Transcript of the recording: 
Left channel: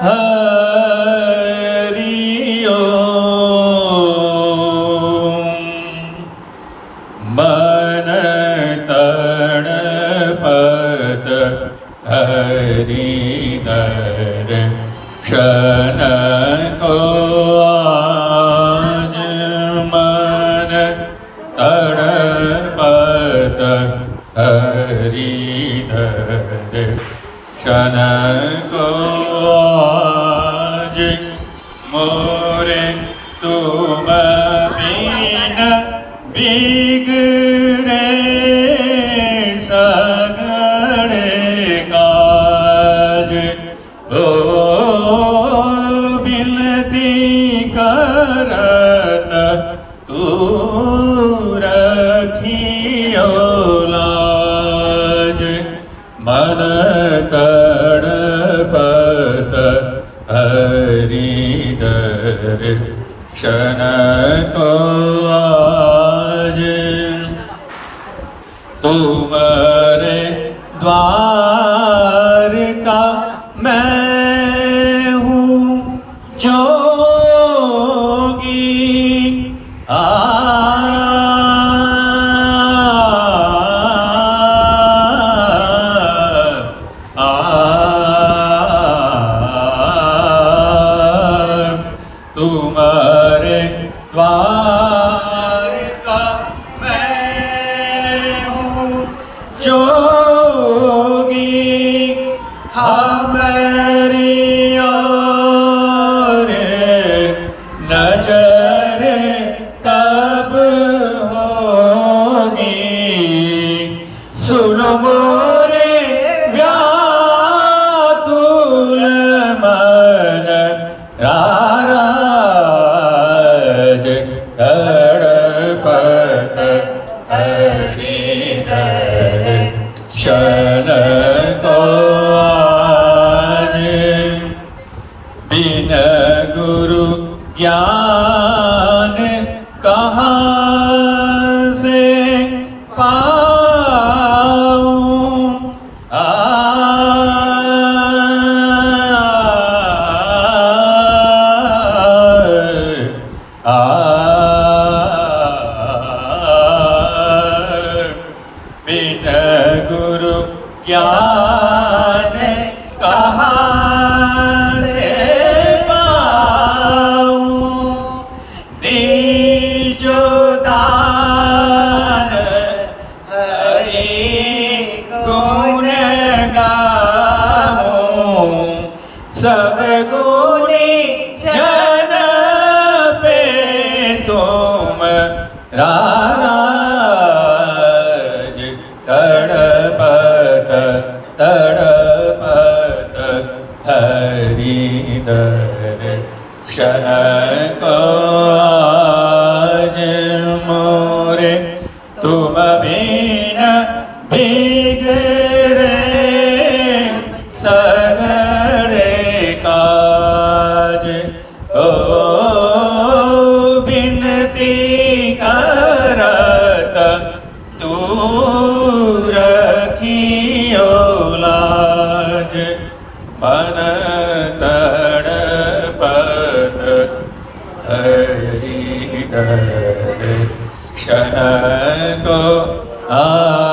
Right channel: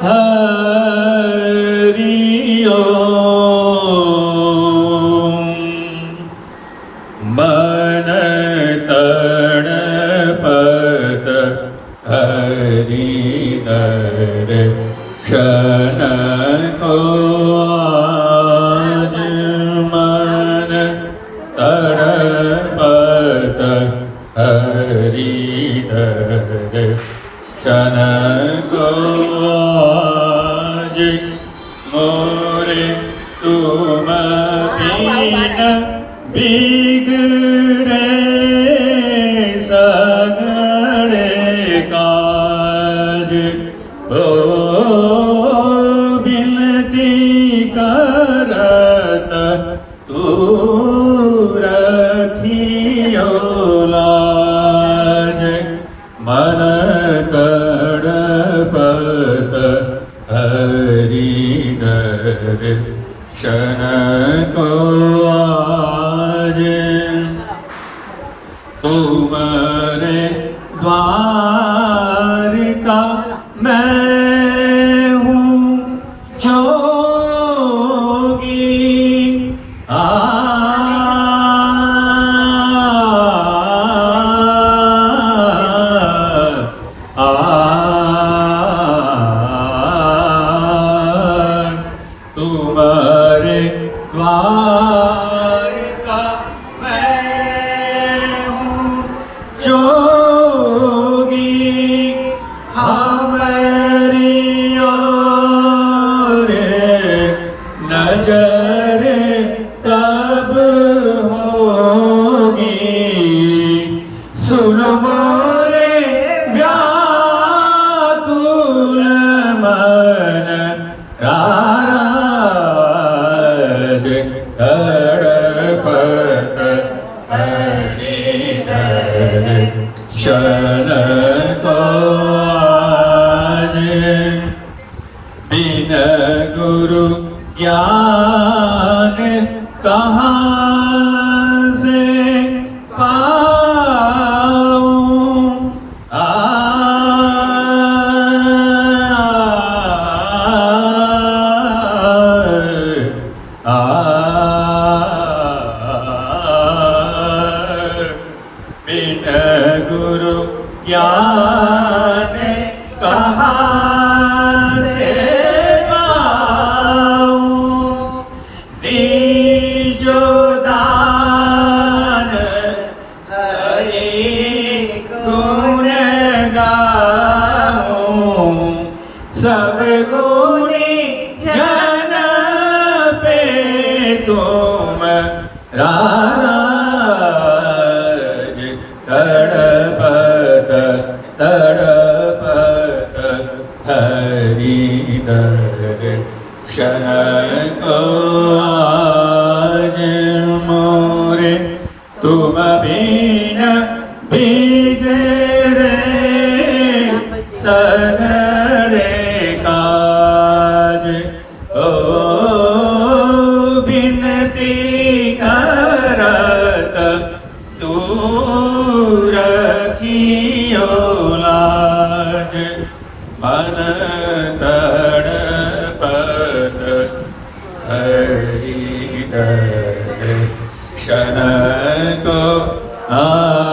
હરિ મન તણ પત હરિ હર ક્ષણ કોજ મન તણ પત હરિ ધર ક્ષણ যে মোরে তুমিনা বিগরে সগরে কাজ ও বিনতি করত তু রখিও লাজ মন શનકો આજે તુમરે દ્વાર जोगी हमारी हरि को बिन गुरु ज्ञान कहाँ से पाऊँ बिन गुरु ज्ञान कहाँ से पाऊँ? दीजो दान हरि गुण पे तुम राज तू रखियो लाज मन तड़पत हरि दर्शन को आ